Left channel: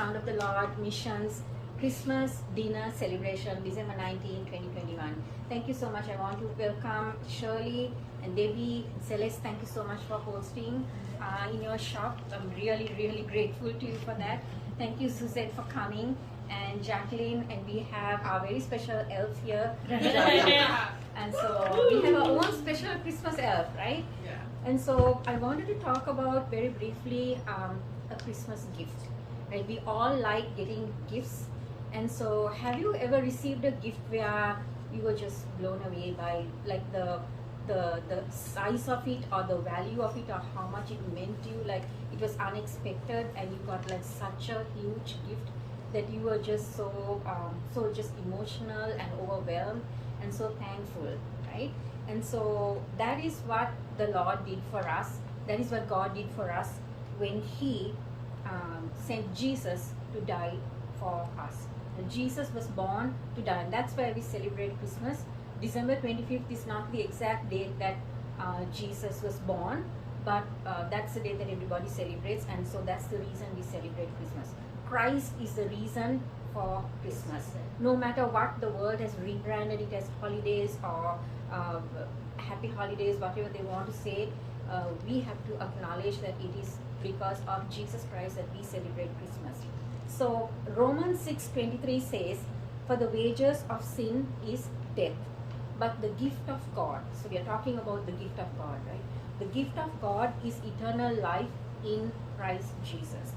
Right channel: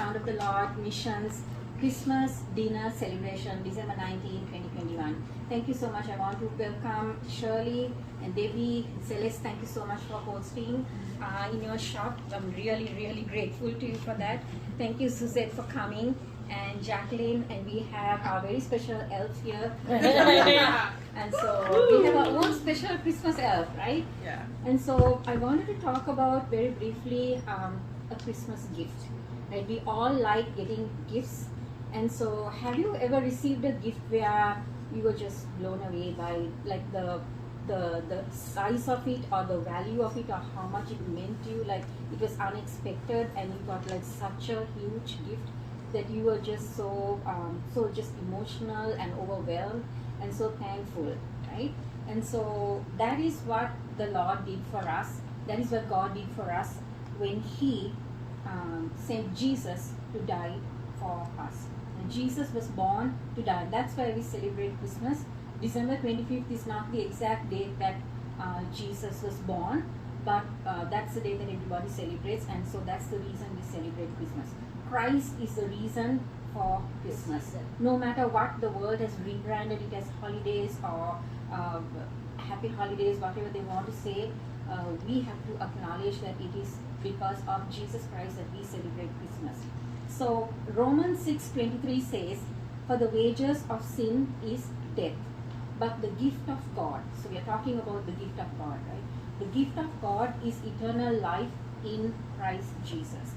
Sound of the Lord Missions Christmas Dinner Celebration, December 19, 2021. Thank you so much. I want to welcome Shirley and Debbie, Celeste. Thank you so much for hosting in your shop. I'm really, really grateful to you for that. Thank you, Suzette, for coming, and Jacqueline, and we have our very special elf here. And so we have our own special Christmas elf, right? Yeah. And so I wanted to talk about very briefly a Christmas gift. Right? We all like getting gifts. And so have you ever received a gift where you were just blown away by like the size of it or the value of it or how much it meant to you? Like it was unexpected and you got like such a huge gift that you were just so just emotional and overwhelmed and so thankful, right? And so that is what the Lord did for us. That is what God did for us when He sent Jesus to die for us. When Jesus was born to die. And that's why we celebrate Christmas. December 25th is not the exact date that Jesus was born, but that's the date that everybody celebrates, and so that's the reason we celebrate Christmas. Christ is the reason for Christmas. No matter what the world has rebranded it as holidays or happy holidays, whatever they want to say, we have to acknowledge that it is because of Jesus Christ that we celebrate Christmas. So Romans 6:23 says, "For the wages of sin is death, but the gift of God," so we are talking about the gift of God, right? The gift of God is eternal life in Christ Jesus.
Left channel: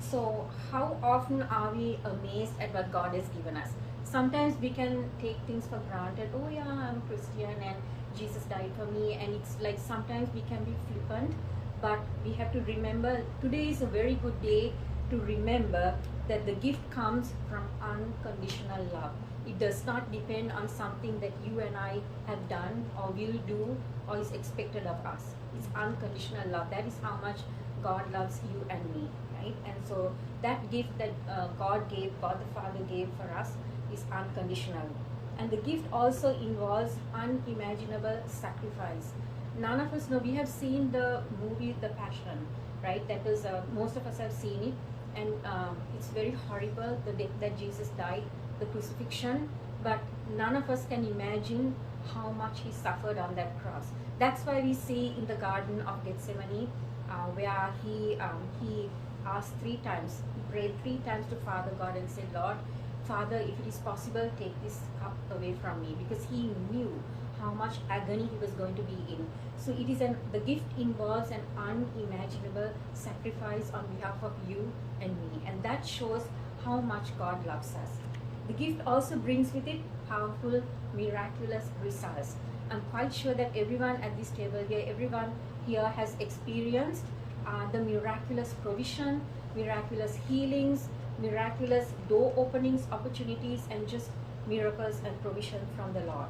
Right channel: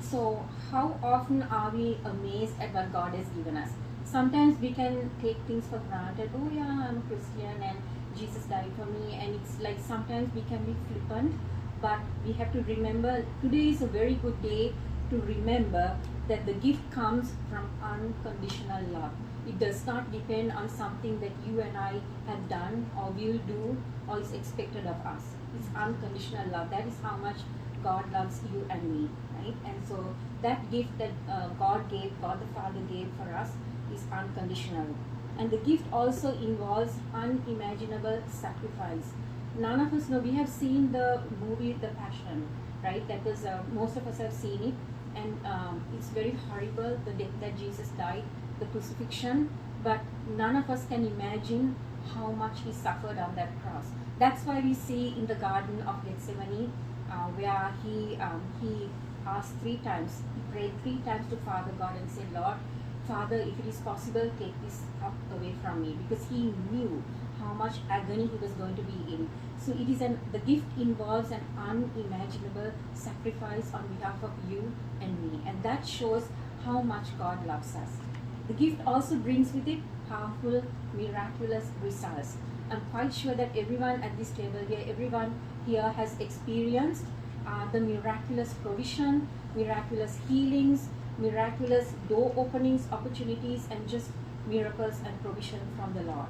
So how often are we amazed at what God has given us? Sometimes we can take things for granted. Oh yeah, I'm Christian and Jesus died for me, and it's like sometimes we can be flippant, but we have to remember today is a very good day to remember that the gift comes from unconditional love. It does not depend on something that you and I have done or will do or is expected of us. It's unconditional love. That is how much God loves you and me, right? And so that gift that God the Father gave for us is unconditional. And the gift also involves unimaginable sacrifice. None of us know, we have seen the movie The Passion, right? That was, most of us have seen it. And it's very horrible, the death that Jesus died, the crucifixion, but none of us can imagine how much He suffered on that cross. That's why we see in the Garden of Gethsemane, where He asked 3 times, He prayed 3 times to Father God and said, "Lord, Father, if it is possible, take this cup away from me," because He knew how much agony He was going to be in. So it is the gift involves an unimaginable sacrifice on behalf of you and me, and that shows how much God loves us. The gift also brings with it powerful, miraculous results. I'm quite sure that everyone at this table here, everyone here has experienced the miraculous provision, miraculous healings, miraculous door openings, opportunities, and just miracles and provision from the Lord.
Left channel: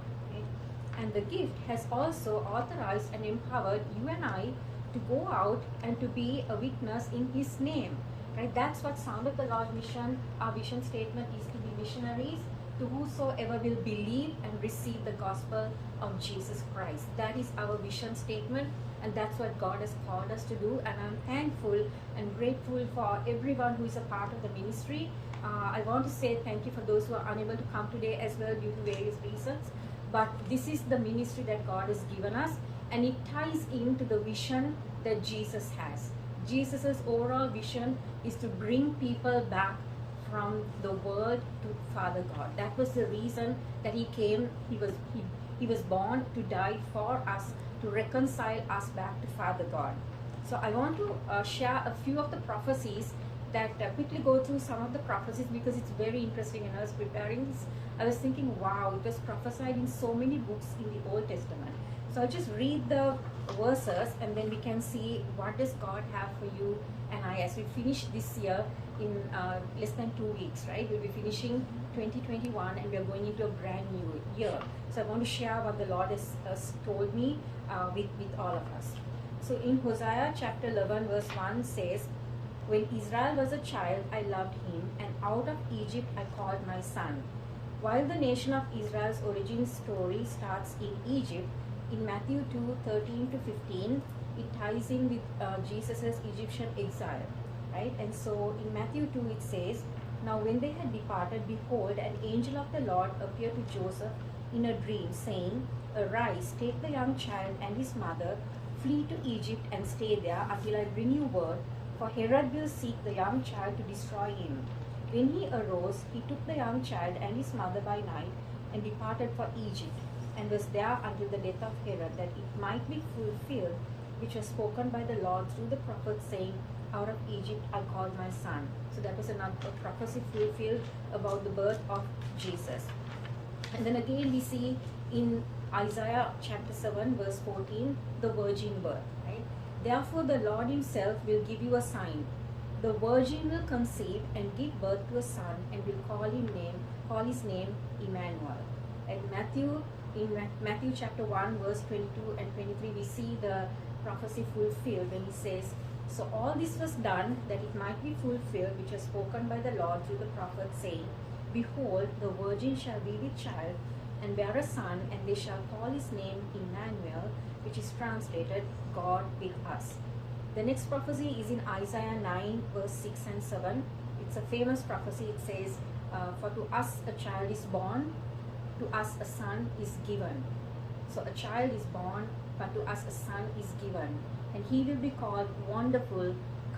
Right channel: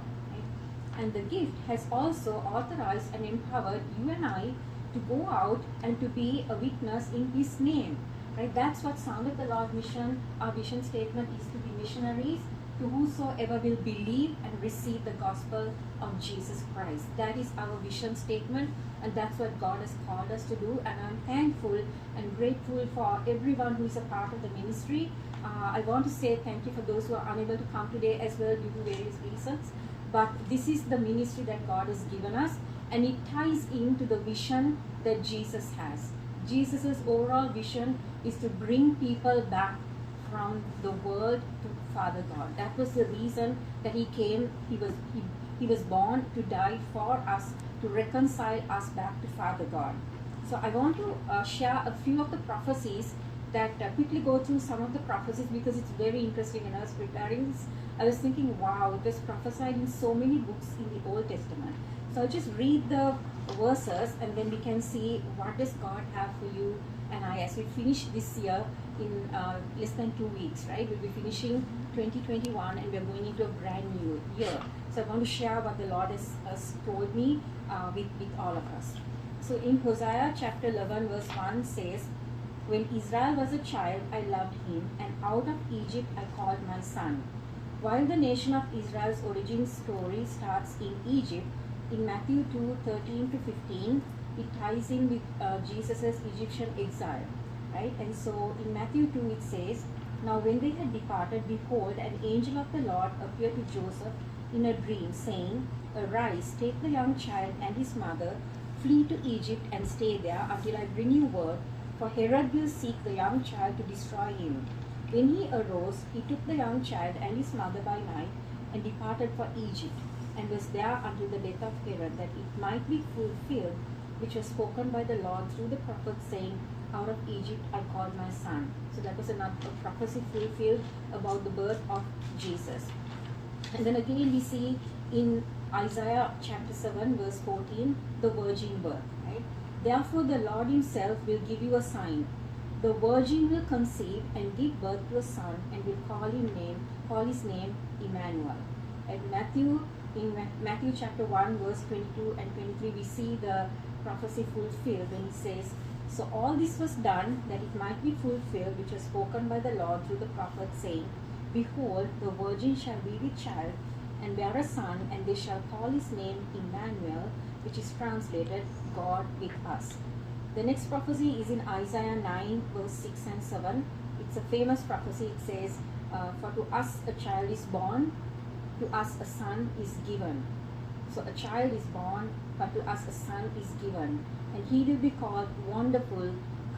And the gift has also authorized and empowered you and I to go out and to be a witness in His name. Right? That's what Sound of the Lord mission, our vision statement is, to be missionaries to whosoever will believe and receive the gospel of Jesus Christ. That is our vision statement, and that's what God has called us to do. And I'm thankful and grateful for everyone who is a part of the ministry. I want to say thank you for those who are unable to come today as well due to various reasons. But this is the ministry that God has given us, and it ties into the vision that Jesus has. Jesus' overall vision is to bring people back from the world to Father God. That was the reason that He came. He was born to die for us, to reconcile us back to Father God. So I want to share a few of the prophecies that quickly go through some of the prophecies because it's very interesting. When I was preparing this, I was thinking, wow, it was prophesied in so many books in the Old Testament. So I'll just read the verses and then we can see what does God have for you and I as we finish this year in less than 2 weeks, right? We'll be finishing 2021 and we're going into a brand new year. So I want to share what the Lord has told me with all of us. So in Hosea chapter 11 verse 1 says, "When Israel was a child, I loved him, and out of Egypt I called my son." While the nation of Israel's origin story starts in Egypt, in Matthew 2:13 to 15, it ties in with Jesus' Egyptian exile. right? And so in Matthew 2 it says, "Now when they had departed, behold, an angel of the Lord appeared to Joseph in a dream, saying, Arise, take the young child and his mother, flee to Egypt and stay there until I bring you word, for Herod will seek the young child to destroy him. When he arose, he took the young child and his mother by night and departed for Egypt, and was there until the death of Herod, that it might be fulfilled, which was spoken by the Lord through the prophet, saying, Out of Egypt I called my son." So that was another prophecy fulfilled about the birth of Jesus. And then again we see in Isaiah chapter 7 verse 14, the virgin birth, right? "Therefore the Lord himself will give you a sign. The virgin will conceive and give birth to a son, and will call his name Emmanuel." At Matthew chapter 1 verse 22 and 23 we see the prophecy fulfilled when he says, "So all this was done that it might be fulfilled, which was spoken by the Lord through the prophet, saying, Behold, the virgin shall be with child, and bear a son, and they shall call his name Emmanuel," which is translated, God with us. The next prophecy is in Isaiah 9 verse 6 and 7. It's a famous prophecy. It says, "For to us a child is born, to us a son is given." So a child is born, but to us a son is given, and he will be called Wonderful,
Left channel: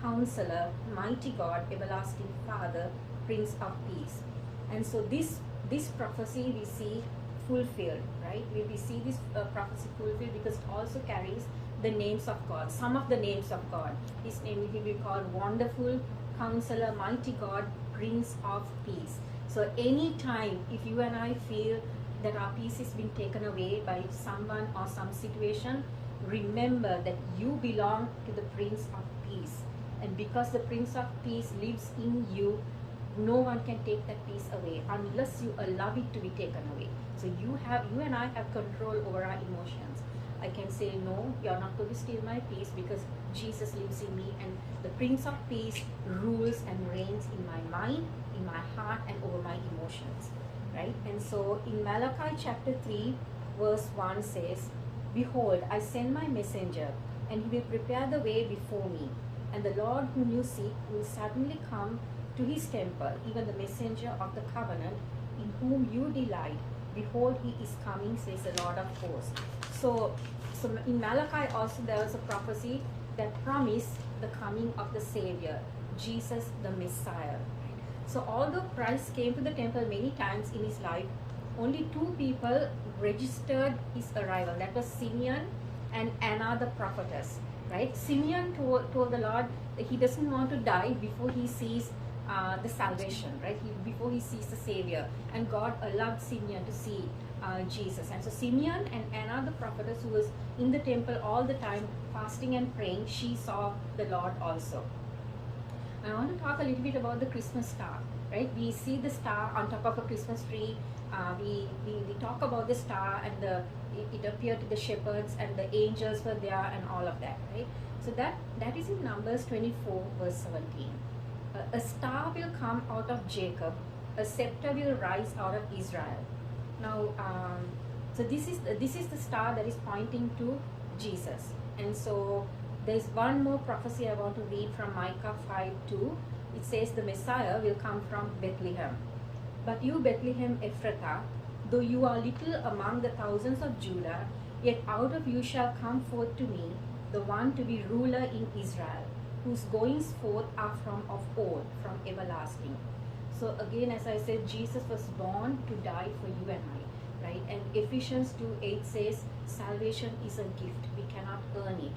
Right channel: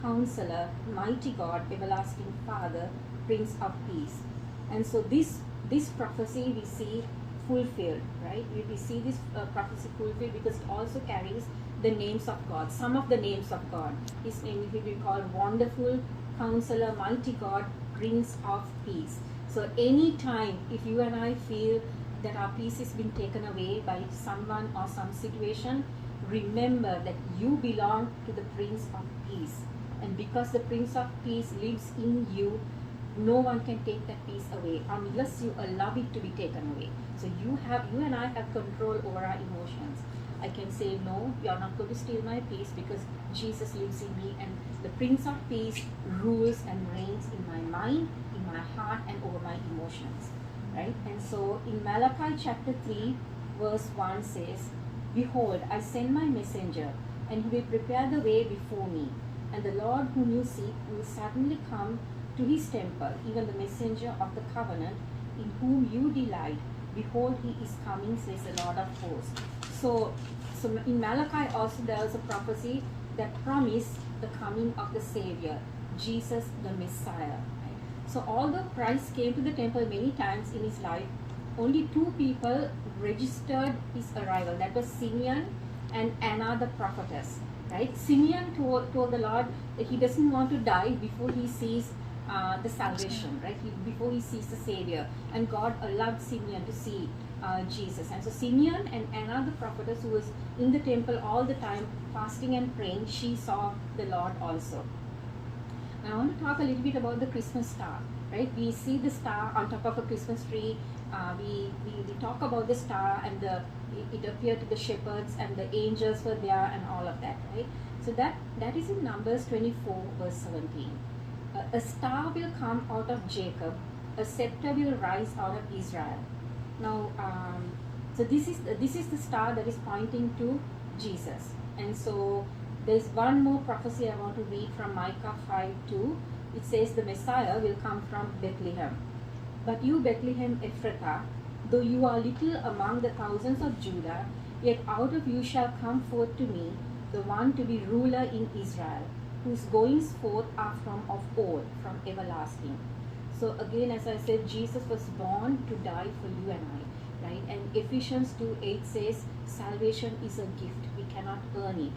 Counselor, Mighty God, Everlasting Father, Prince of Peace. And so this prophecy we see fulfilled, right? We see this prophecy fulfilled because it also carries the names of God, some of the names of God. His name will be called Wonderful, Counselor, Mighty God, Prince of Peace. So anytime if you and I feel that our peace is being taken away by someone or some situation, remember that you belong to the Prince of Peace. And because the Prince of Peace lives in you, no one can take that peace away unless you allow it to be taken away. So you and I have control over our emotions. I can say, no, you're not going to steal my peace because Jesus lives in me, and the Prince of Peace rules and reigns in my mind, in my heart, and over my emotions, right? And so in Malachi chapter 3 verse 1 says, "Behold, I send my messenger, and he will prepare the way before me. And the Lord whom you seek will suddenly come to his temple, even the messenger of the covenant, in whom you delight. Behold, he is coming, says the Lord of hosts." So in Malachi also there was a prophecy that promised the coming of the Savior, Jesus the Messiah. So although Christ came to the temple many times in his life, only two people registered his arrival. That was Simeon and Anna the prophetess, right? Simeon told the Lord that he doesn't want to die before he sees the salvation, right? Before he sees the Savior. And God allowed Simeon to see Jesus. And so Simeon and Anna the prophetess, who was in the temple all the time fasting and praying, she saw the Lord also. I want to talk a little bit about the Christmas star, right? We see the star on top of a Christmas tree. We talk about the star, and it appeared to the shepherds, and the angels were there, and all of that, right? So that is in Numbers 24 verse 17. "A star will come out of Jacob, a scepter will rise out of Israel." Now, so this is the star that is pointing to Jesus. And so there is one more prophecy I want to read from Micah 5:2. It says, "The Messiah will come from Bethlehem. But you, Bethlehem Ephrathah, though you are little among the thousands of Judah, yet out of you shall come forth to me the one to be ruler in Israel, whose goings forth are from of old, from everlasting." So again, as I said, Jesus was born to die for you and I, right? And Ephesians 2:8 says, salvation is a gift. We cannot earn it.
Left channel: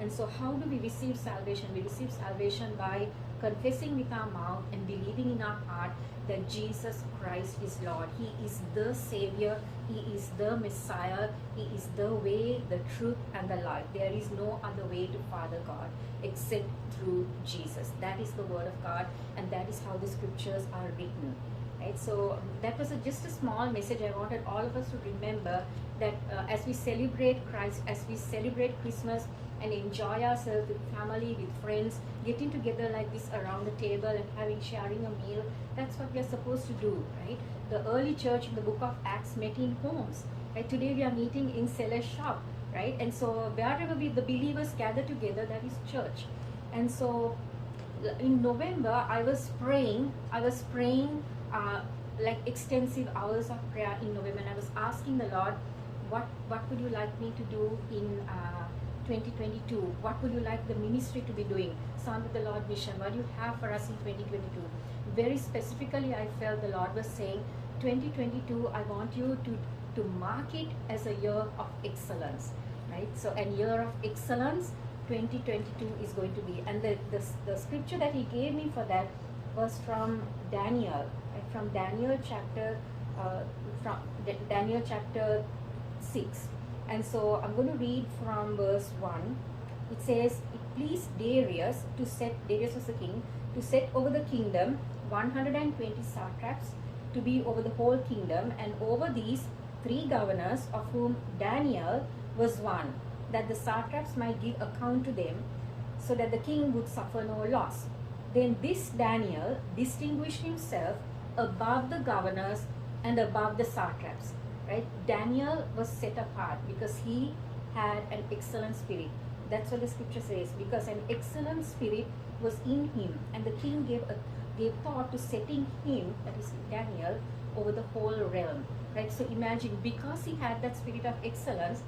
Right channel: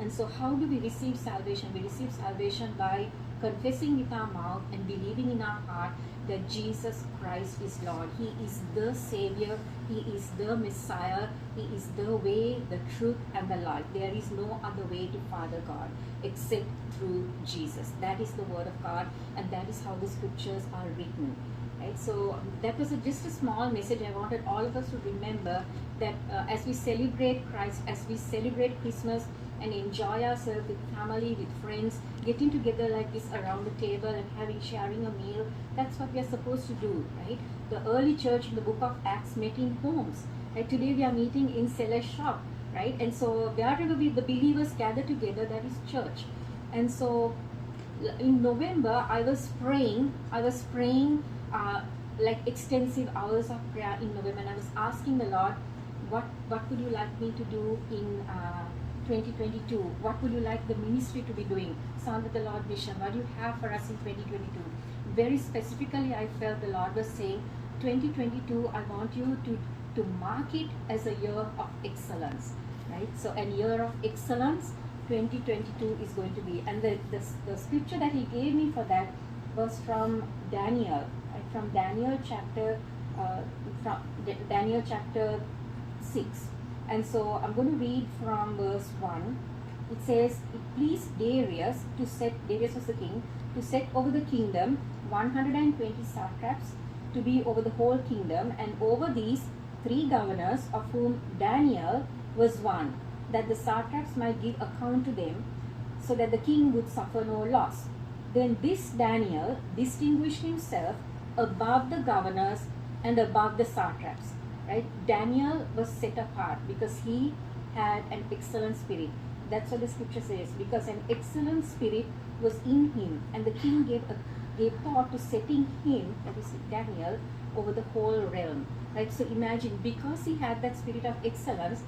And so how do we receive salvation? We receive salvation by confessing with our mouth and believing in our heart that Jesus Christ is Lord. He is the Savior. He is the Messiah. He is the way, the truth, and the life. There is no other way to Father God except through Jesus. That is the Word of God, and that is how the Scriptures are written. Right? So that was just a small message. I wanted all of us to remember that as we celebrate Christ, as we celebrate Christmas, and enjoy ourselves with family, with friends, getting together like this around the table and sharing a meal. That's what we are supposed to do, right? The early church in the book of Acts met in homes. Right? Today we are meeting in Seller's shop, right? And so wherever the believers gather together, that is church. And so in November, I was praying. Like extensive hours of prayer in November, and I was asking the Lord, what would you like me to do in 2022? What would you like the ministry to be doing? Son of the Lord Vision, what do you have for us in 2022? Very specifically, I felt the Lord was saying, 2022, I want you to mark it as a year of excellence, right? So a year of excellence, 2022 is going to be. And the scripture that he gave me for that was from Daniel, right? From Daniel chapter, Daniel chapter 6. And so I'm going to read from verse 1. It says, it pleased Darius was the king, to set over the kingdom 120 satraps to be over the whole kingdom, and over these 3 governors, of whom Daniel was one, that the satraps might give account to them, so that the king would suffer no loss. Then this Daniel distinguished himself above the governors and above the satraps. Right? Daniel was set apart because he had an excellent spirit. That's what the scripture says. Because an excellent spirit was in him, and the king gave thought to setting him, that is Daniel, over the whole realm. Right? So imagine, because he had that spirit of excellence,